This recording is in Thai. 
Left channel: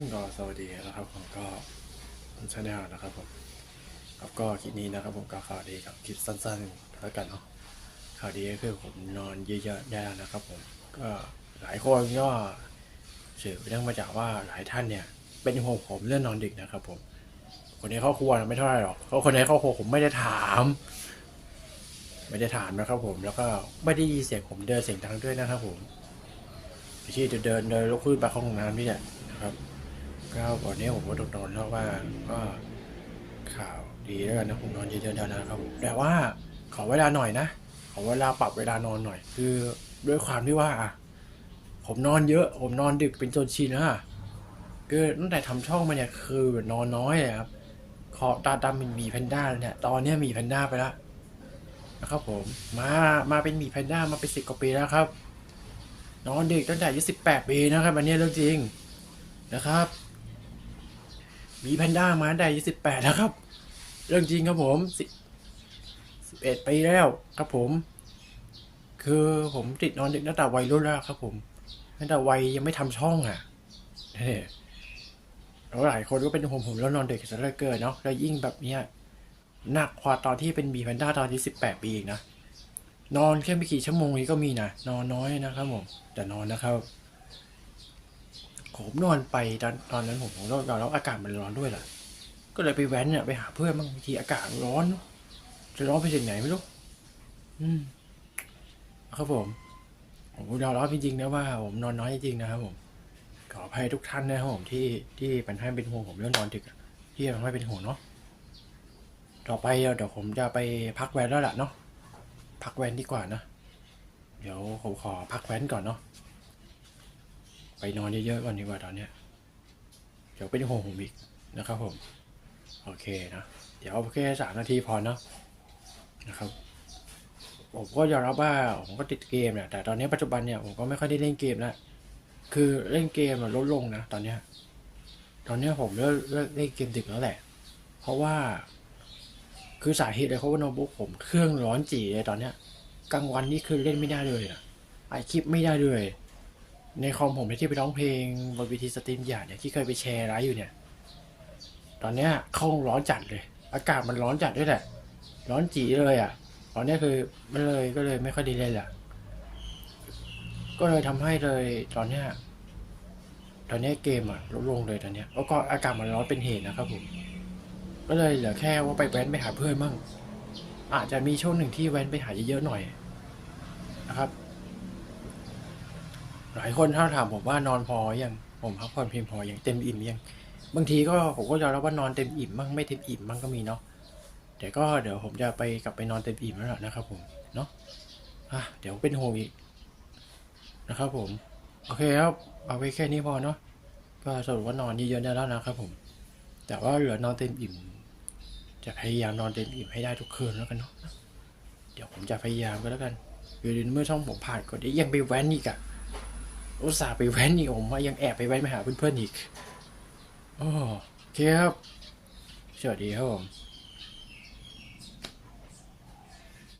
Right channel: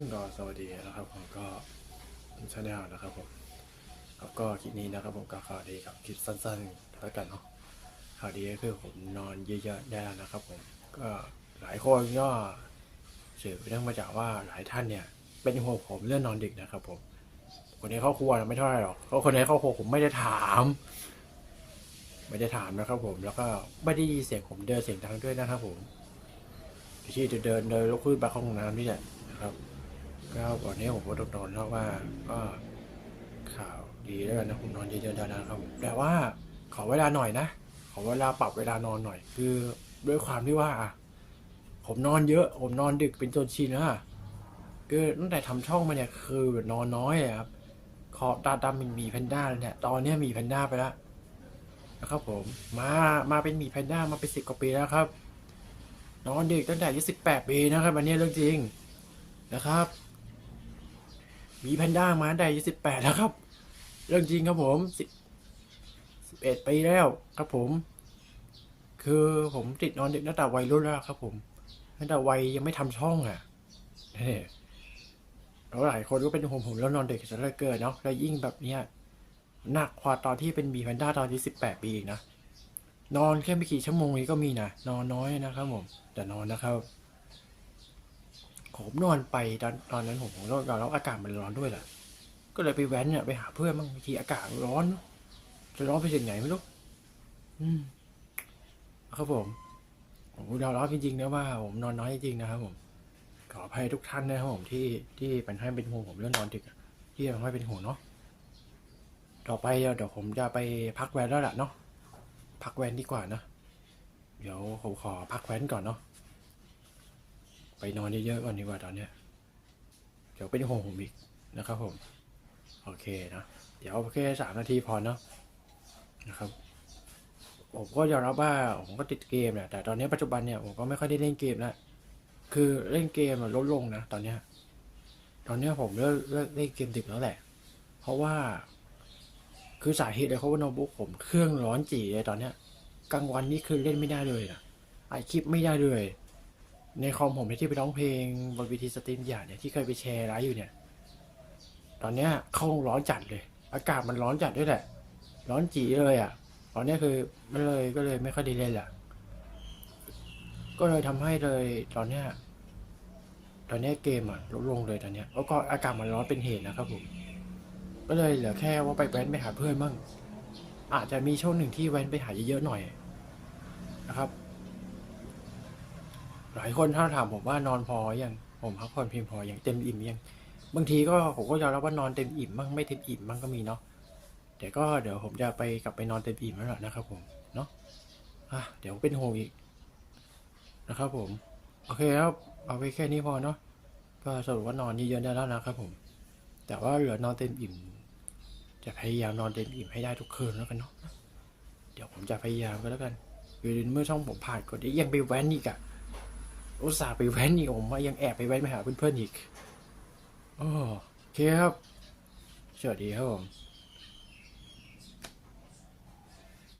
ก็สวัสดีนะครับผมก็ชาแนลนะครับผมครับก็คลิปนี้นะครับผมก็ข่าวดีกับคลิปสั้นๆแล้วกันเนาะข่าวดีก็คือผมนอนเยอะๆได้แล้วนะครับผมก็หลายคนก็สืบเนื่องมาจากว่าหลายท่านเนี่ย เป็นห่วงผมเรื่องนอนดึกนะครับ ผม คนในครอบครัวไม่เท่าไหร่หรอกเพราะคนในครอบครัวผมไม่ได้ถาม ไม่ได้ถามนะครับ ผมแล้วก็ไม่ได้ยินเสียงผมเดินเสียงดังด้วยนะครับ ผมที่จะเดินเดินลุกขึ้นไปเข้าห้องน้ำนี่แหละนะครับ ก็วันนี้ผมก็ต้องนอนแล้วว่าก็ข่าวดีแล้วกันนะผมนอนเยอะๆแล้วนะครับแต่ว่าขอเวลาหน่อยนะขอเวลาปรับเวลานอนหน่อย คือด้วยความที่ว่าอะผมนอนเยอะ ผมนอนดึกเป็นจนชินนะคือตั้งแต่ทำช่องมาเนี่ยคือนอนน้อยเลยครับขอตาดำมีแพนด้าเลยเนี่ยตอนเนี้ยมีแพนด้าไปแล้วนะครับผมมามาเป็นมีแพนด้ามาเป็นสิบกว่าปีแล้วครับนอนดึกตั้งแต่อายุสิบแปดปีนะครับอันนี้เรื่องจริงนะครับ มีแพนด้ามาตั้งแต่สิบแปดแล้วครับ เรื่องจริงครับผมสิบเอ็ดปีแล้วครับผม คือผมติดนอนดึกตั้งแต่วัยรุ่นแล้วครับ ผมตั้งแต่วัยยังไม่ทำช่องอะเฮ้แล้วหลายคนก็เป็นห่วงผมแล้วนอนเดึกซะเลือเกินเนาะแล้วยิ่งแบบเนี้ยหนักกว่าตอนที่เป็นบีแพนด้าตอนที่สิบแปดปีอีกนะนอนแค่ไม่กี่ชั่วโมงนี้ก็มีนะนอนน้อยนะครับผมแต่นอนนะครับ นอนไปตอนตอนนั้นผมผมนอนนอนแล้วอากาศมันร้อนด้วยแหละก็เลยไปแว้นเนี่ยไปหาเพื่อนบางทีอากาศมันร้อน จะร้อนไปถึงไหนไม่รู้อืมครับผมผมยอมรับจริงๆนะว่าผมนอนน้อยจริงๆนะครับผมขออภัยทุกท่านนะครับผมที่ที่มันให้เป็นห่วงผมเรื่องนอนดึกอะที่ทำให้เป็นห่วงเนาะต่อไปเดี๋ยวผมจะไปพักแวนแล้วล่ะเนาะพักแวนดีกว่านะ เดี๋ยวผมขอพักแวนก่อนเนาะ ไปนอนเยอะๆก่อนดีกว่าตอนเนี้ยเดี๋ยวเป็นห่วงผมอีกนะครับผม โอเคนะเดี๋ยวเอาแค่สามนาทีพอเนาะนะครับผมก็ยอมรับว่าผมก็ติดเกมเนี่ยแต่ตอนนี้ปัจจุบันเนี่ยผมก็ไม่ค่อยได้เล่นเกมแล้วคือเล่นเกมมันลดลงนะตอนเนี้ยตอนนี้ผมเลิกเลิกเล่นเกมดึกแล้วแหละ เพราะว่า คือสาเหตุเลยเพราะว่าโน้ตบุ๊กผมเครื่องร้อนจีเลยตอนเนี้ยกลางวันนี่คือเล่นไม่ได้เลยอะไอคลิปไม่ได้เลย ในคอมผมที่ไปร้องเพลงบนวิธีสตรีมอย่างเนี่ยที่เคยไปแชร์ไลฟ์อยู่เนี่ย ตอนเนี้ยเข้าร้อนจัดเลย อากาศมันร้อนจัดด้วยแหละ ร้อนจีเลยอะ ตอนเนี้ยคือไม่เลยก็เลยไม่ค่อยดีเลยแหละก็เลยทำให้เลยตอนเนี้ยตอนเนี้ยเกมอะลดลงเลยตอนเนี้ยแล้วก็อากาศมันร้อนเป็นเหตุนะครับผมก็เลยเหลือแค่ว่าไปแว้นไปหาเพื่อนมั่งอาจจะมีช่วงหนึ่งที่แว้นไปหาเยอะๆหน่อยนะครับายคนถ้าถามผมว่านอนพอยังผมพักผ่อนเพียงพออยังเต็มอิ่มยังบางทีก็ผมก็ยอมรับว่านอนเต็มอิ่มมั่งไม่เต็มอิ่มมั่งก็มีเนาะแต่ก็เดี๋ยวผมจะไปกลับไปนอนเต็มอิ่มแล้วนะครับผมเนาะอะเดี๋ยวเป็นห่วงอีกนะครับผม โอเคครับเอาไว้แค่นี้พอเนาะก็สรุปว่านอนเยอะๆได้แล้วนะครับผม แต่ว่าเหลือนอนเต็มอิ่ม จะพยายามนอนเต็มอิ่มให้ได้ทุกคืนแล้วกันเนาะเดี๋ยวผมจะพยายามก็แล้วกันอยู่ดีเมื่อช่องผมผ่านกว่านี้ยังไปแว้นอีกอะ อุตส่าห์ไปแว้นอีกผมว่ายังแอบไปแว้นมาหาเพื่อนๆอีกโอเคครับสวัสดีครับผม